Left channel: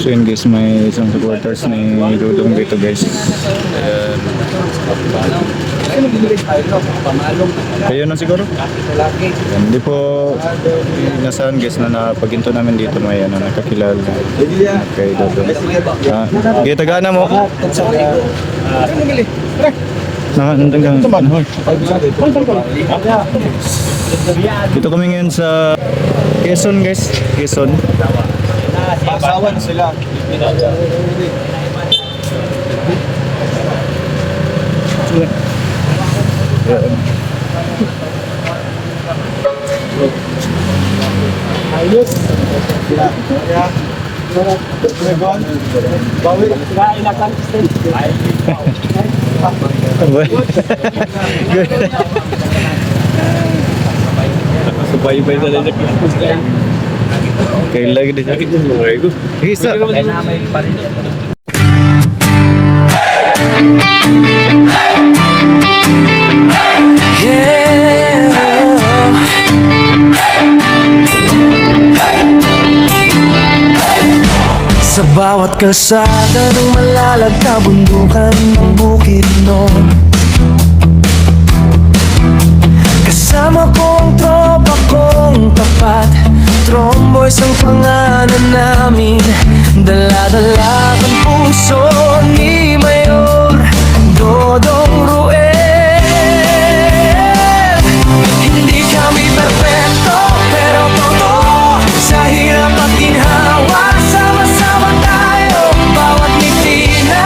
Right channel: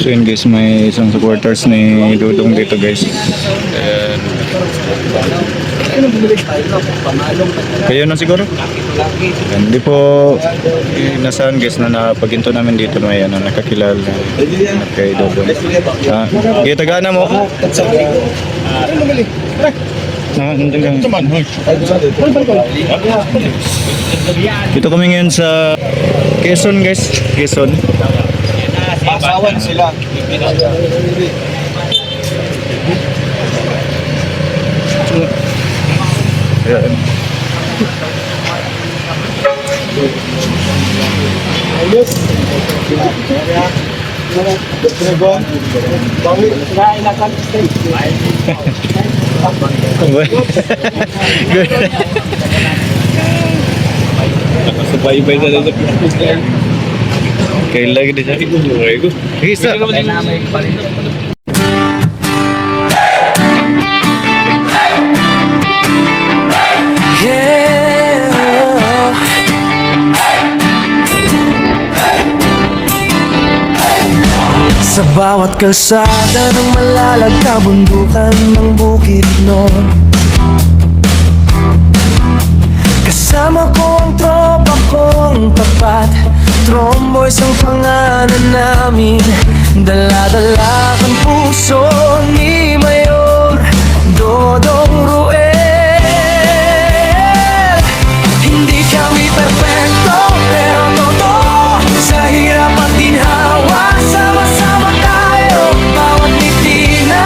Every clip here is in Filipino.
So yun guys, may isang supporters ni Dudong dito guys. Ayan. Kayo na siguro? Ayan, di po inasahan guys na napaginto namin dito may ano, nakakilala kay Dudong. Kita gana mo? Dito kami ngayon sa Quezon guys, Quezon. Asawan sila. Ayan. Ayos. Ya. Dragon. Bawi na ilakan stage. Good. Nakasubay-bay sa lang sa Facebook guys. Kail lagi dia cari gue. Bisa. Sa bawat kalsada ng malalagta bundukan ng bukid noon, kasama ko ang tropa kong tapat. Tromboys ang pangalan namin, dala-dala ang puso ni Mayor Dodong Ruel. Hindi kami perfecto pero totoo, sa hirap at ginhawa sama-sama tayo. Bawat ngiti na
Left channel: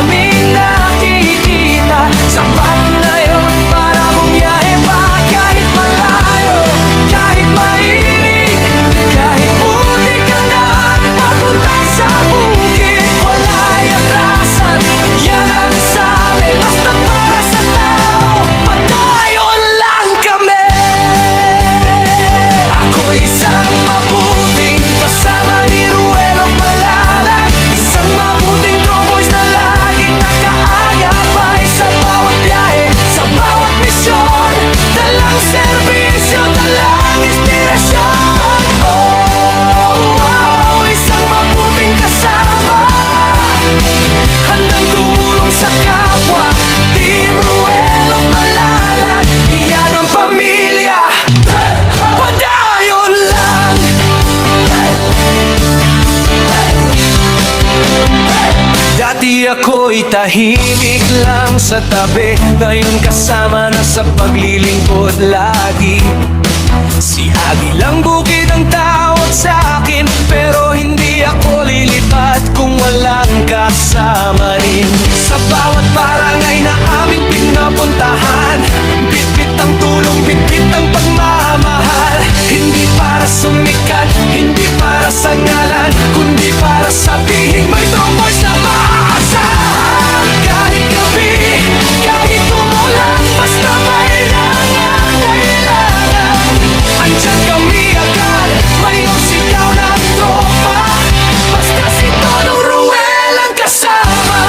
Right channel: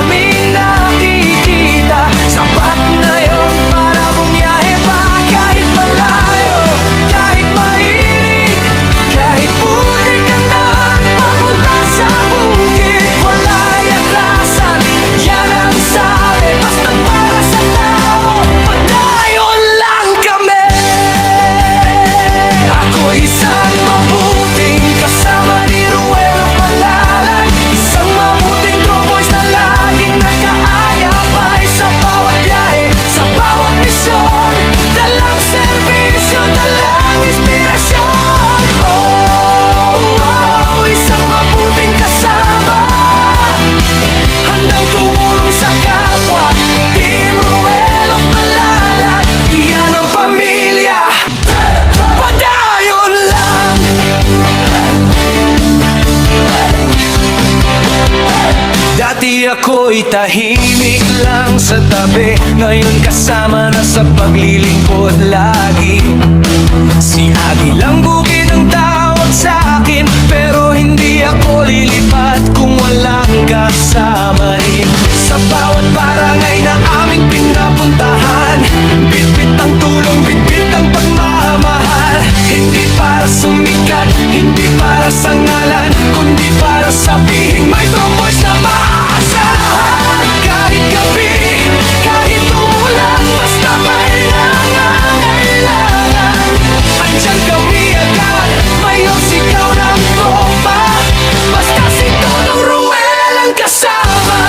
aming nakikita, sapat na yon para bumiyahe pa kahit malayo, kahit mainit, kahit putik ang daan papunta sa bukid. Wala'y atrasan, yan ang sabi, basta para sa tao, padayon lang kami. Ako isang mabuting kasama ni Ruel of Malalag, isang mabuting tromboys na laging nakaagapay sa bawat biyahe, sa bawat misyon, dalang serbisyo, dalang inspirasyon. Oh, isang mabuting kasama, handang tumulong sa kapwa. Team Ruel of Malalag, iyan ang pamilya, padayon lang. Dati ako'y tahimik lang sa tabi, ngayon kasama na sa paglilingkod lagi. Si Agilang Bukid ang tawag sa akin, pero hindi ako lilipat kung walang kasama rin. Sa bawat barangay na aming pinapuntahan, bitbit ang tulong, bitbit ang pagmamahal. Hindi para sumikat, hindi para sa ngalan, kundi para sabihin may tromboys na maaasahan. Kahit gabi, kahit umulan, basta may nangangailangan, andyan kami agad, Mayor sigaw ng tropa, basta si Dodong Ruel ang kasama.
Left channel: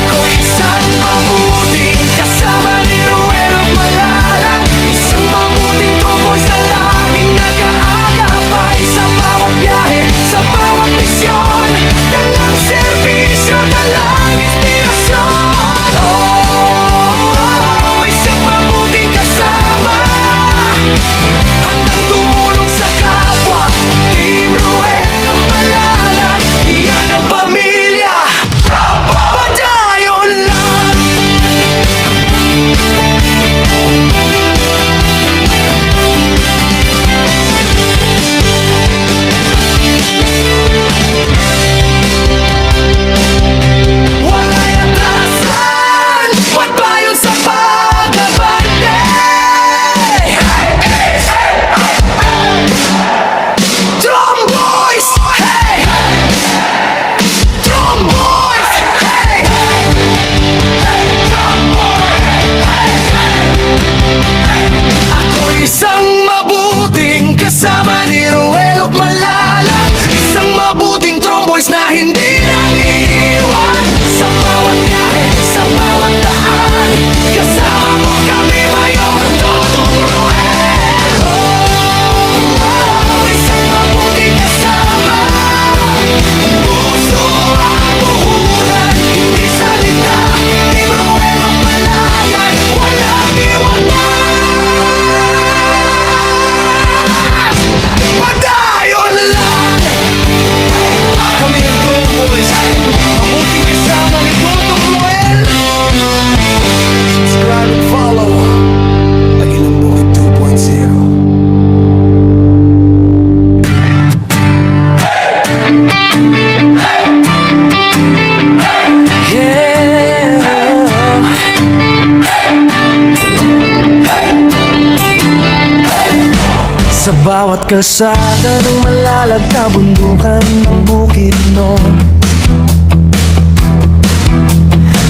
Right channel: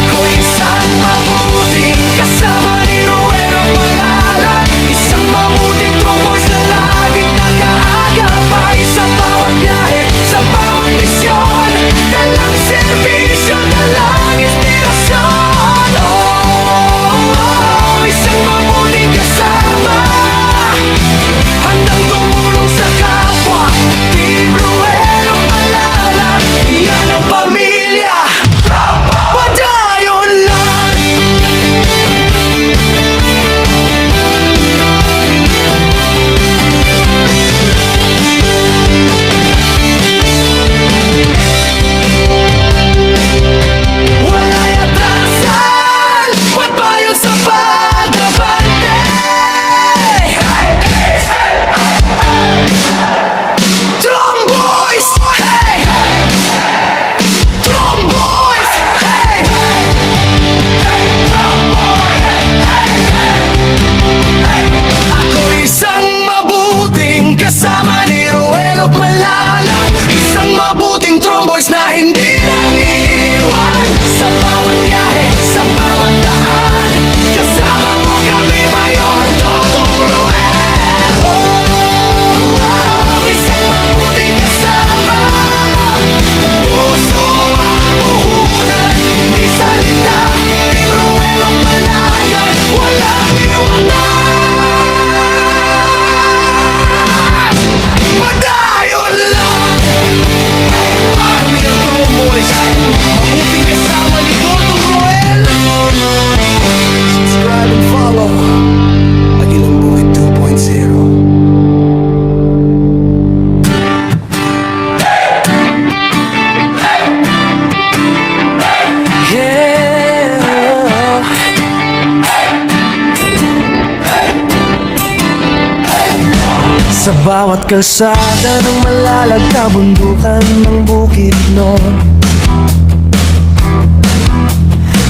Ako isang mabuting kasama ni Ruel of Malalag, isang mabuting tromboys na laging nag-aagapay sa bawat biyahe, sa bawat misyon, dalang serbisyo, dalang inspirasyon. Oh, isang mabuting kasama, handang tumulong sa kapwa. Team Ruel of Malalag, iyan ang pamilya, padayon lang. Wala'y atrasan, magbayon sa pag-abante. Tromboys, hey! Tromboys, hey! Ako isang mabuting kasama ni Ruel of Malalag, isang mabuting tromboys na hindi nangiiwan sa bawat biyahe, sa bawat daan. Kasama mo kami, Mayor Dodong Ruel. Tromboys, mabuting kasama ni Dodong Roel. Subscribe and follow Agilang Bukid 2.0. Sa bawat kalsada ng malalag na bundukan ng Bukidnon,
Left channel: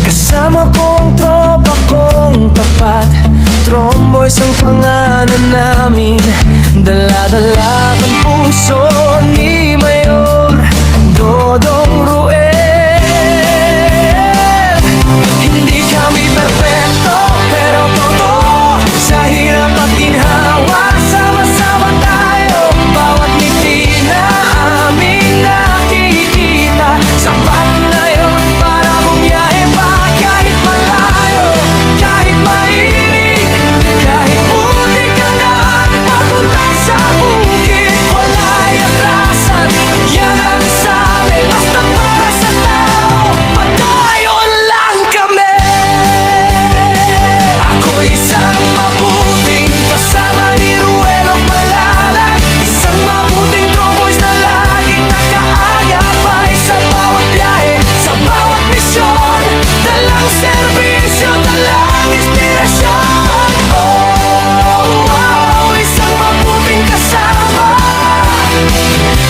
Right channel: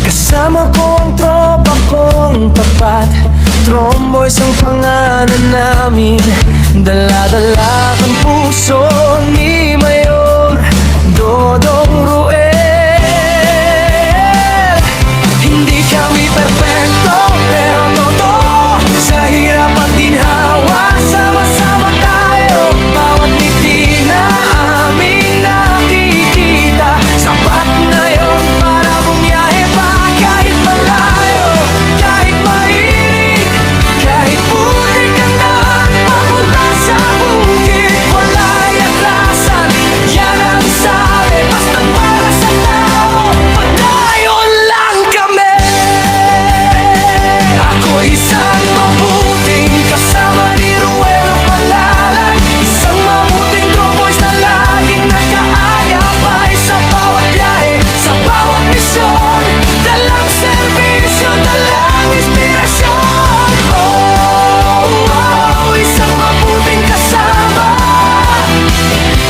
kasama ko ang tropa kong tapat. Tromboys ang pangalan namin, dala-dala ang puso ni Mayor Dodong Roel. Hindi kami perpekto pero totoo, sa hirap at ginhawa sama-sama tayo. Bawat ngiti na aming nakikita, sapat na yon para bumiyahe pa. Kahit malayo, kahit mainit, kahit putik ang daan papunta sa bukid, wala'y atrasan, yan ang sabi. Basta para sa tao, padayon lang kami. Ako isang mabuting kasama ni Ruelo Malalag, isang mabuting Tromboys na laging nakaagapay sa bawat biyahe, sa bawat misyon. Dalang serbisyo, dalang inspirasyon. Isang mabuting kasama,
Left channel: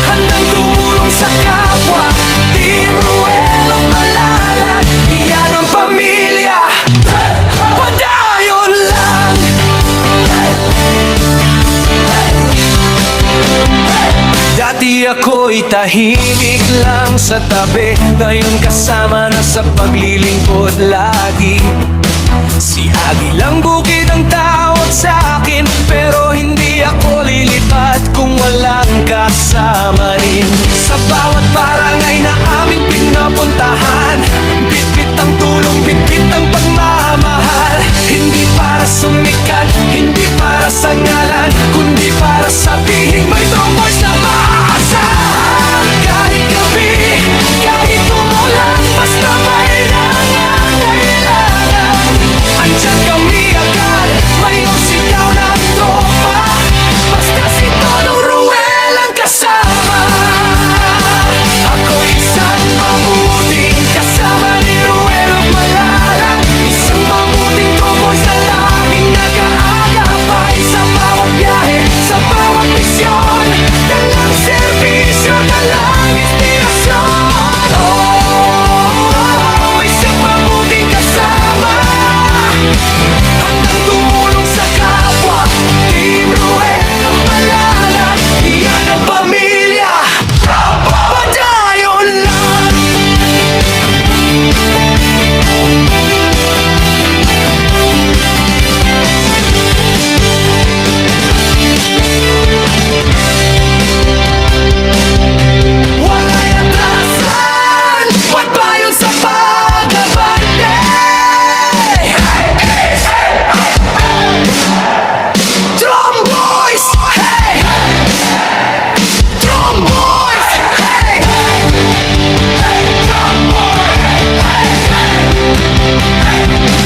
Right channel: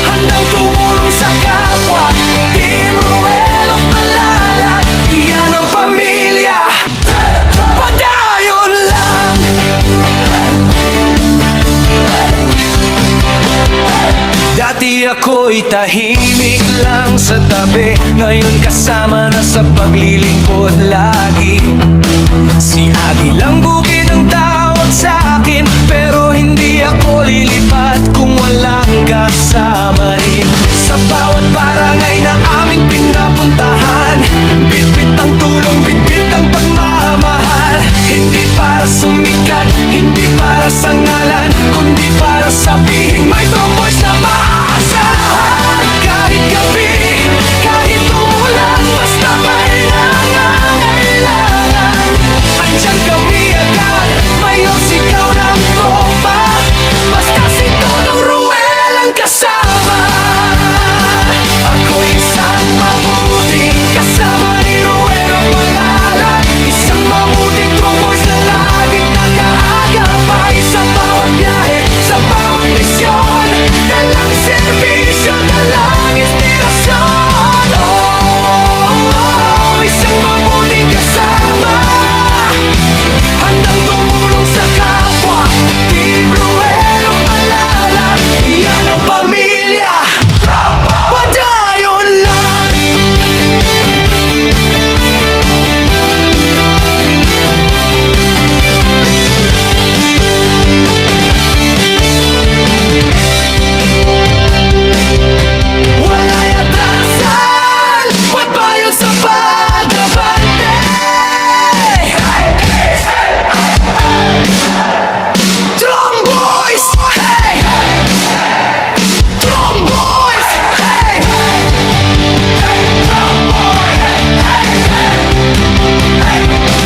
handang tumulong sa kapwa. Team Ruelo Malalag, iyan ang pamilya. Padayon lang. Dati ako'y tahimik lang sa tabi, ngayon kasama na sa paglilingkod lagi. Si Agilang Bukid ang tawag sa akin, pero hindi ako lilipat kung walang kasama rin. Sa bawat barangay na aming pinapuntahan, bitbit ang tulong, bitbit ang pagmamahal. Hindi para sumikat, hindi para sa ngalan, kundi para sabihin may Tromboys na maaasahan. Kahit gabi, kahit umulan, basta may nangangailangan, andyan kami agad. Mayor, sigaw ng tropa, basta si Dodong Roel ang kasama. Ako isang mabuting kasama ni Ruelo Malalag, isang mabuting Tromboys na laging nag-aagapay sa bawat biyahe, sa bawat misyon. Dalang serbisyo, dalang inspirasyon. Isang mabuting kasama, handang tumulong sa kapwa. Team Ruelo Malalag, iyan ang pamilya. Padayon lang. Wala'y atrasan, pagbayon sa pag-abante. Tromboys, hey! Tromboys, hey!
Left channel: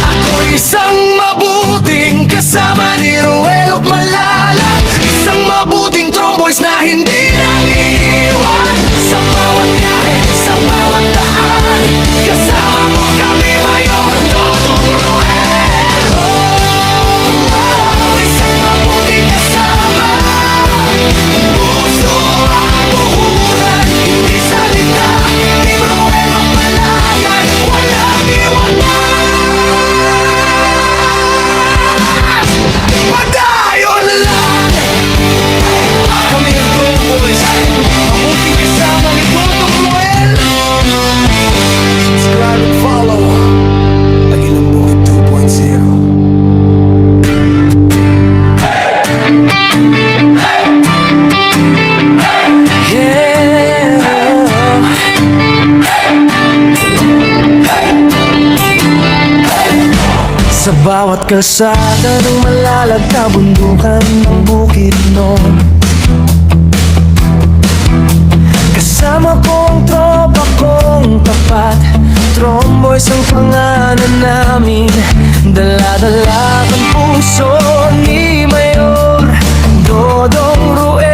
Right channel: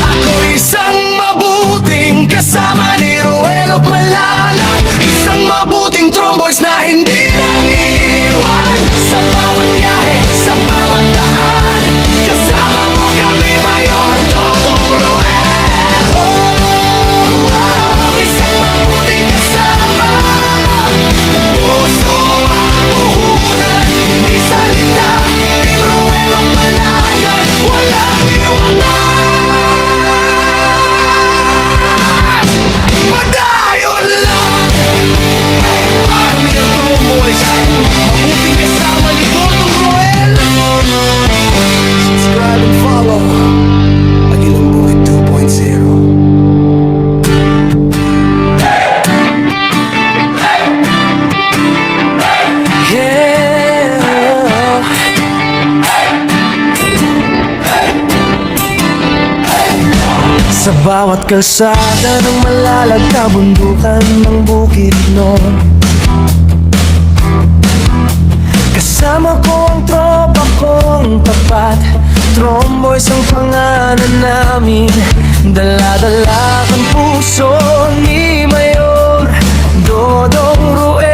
Ako isang mabuting kasama ni Ruelo Malalag, isang mabuting Tromboys na hindi nang iiwan. Sa bawat biyahe, sa bawat daan, kasama mo kami, Mayor Dodong Roel. Isang mabuting kasama, puso ang puhunan, hindi salita. Team Ruelo Malalag, walang iwanan. Padayon lang. Kami ang Tromboys, mabuting kasama ni Dodong Roel. Subscribe and follow Agilang Bukid 2.0. Sa bawat kalsada ng malalag na bundukan ng Bukidnon, Kasama ko ang tropa kong tapat, Tromboys ang pangalan namin. Dala-dala ang puso ni Mayor Dodong Ruel.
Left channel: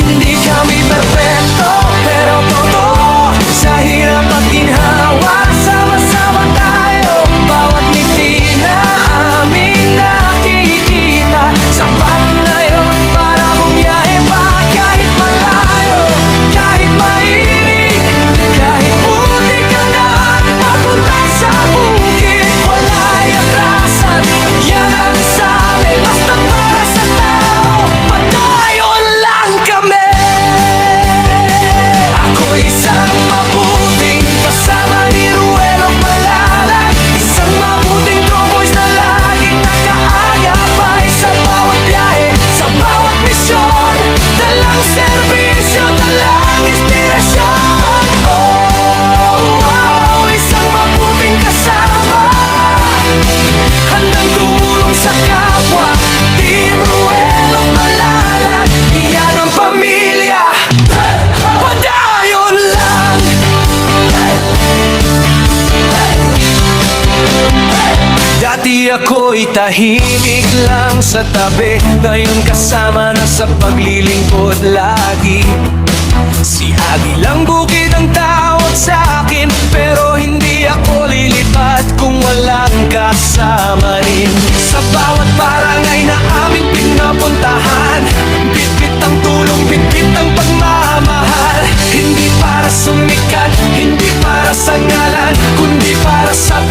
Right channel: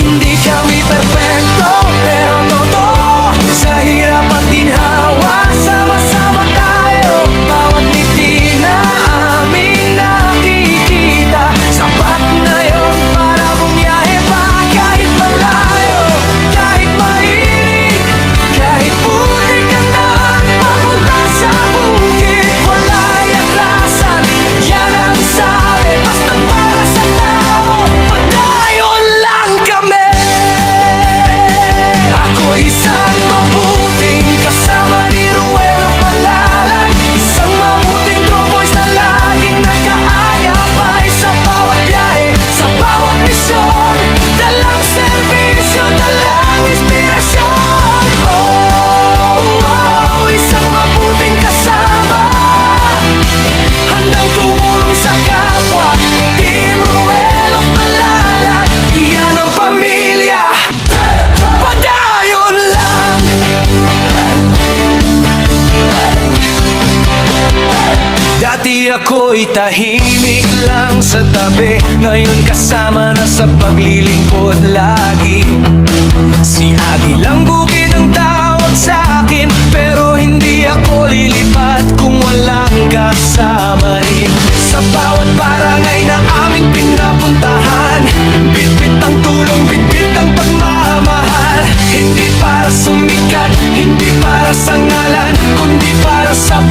Hindi kami perfecto pero totoo, sa hirap at ginhawa sama-sama tayo. Bawat ngiti na aming nakikita, sapat na yun para bumiyahe pa. Kahit malayo, kahit mainit, kahit putik ang daan papunta sa bukid, wala'y atrasan, yan ang sabi. Basta para sa tao, padayon lang kami. Ako isang mabuting kasama ni Ruel of Malalag, isang mabuting Tromboys na laging nakaagapay sa bawat biyahe, sa bawat misyon. Dalang serbisyo, dalang inspirasyon. Oh, isang mabuting kasama, handang tumulong sa kapwa. Team Ruel of Malalag, iyan ang pamilya. Padayon lang. Dati ako'y tahimik lang sa tabi, ngayon kasama na sa paglilingkod lagi. Si Agilang Bukid ang tawag sa akin, pero hindi ako lilipat kung walang kasama rin. Sa bawat barangay na aming pinapuntahan, bitbit ang tulong, bitbit ang pagmamahal. Hindi para sumikat, hindi para sa ngalan, kundi para sa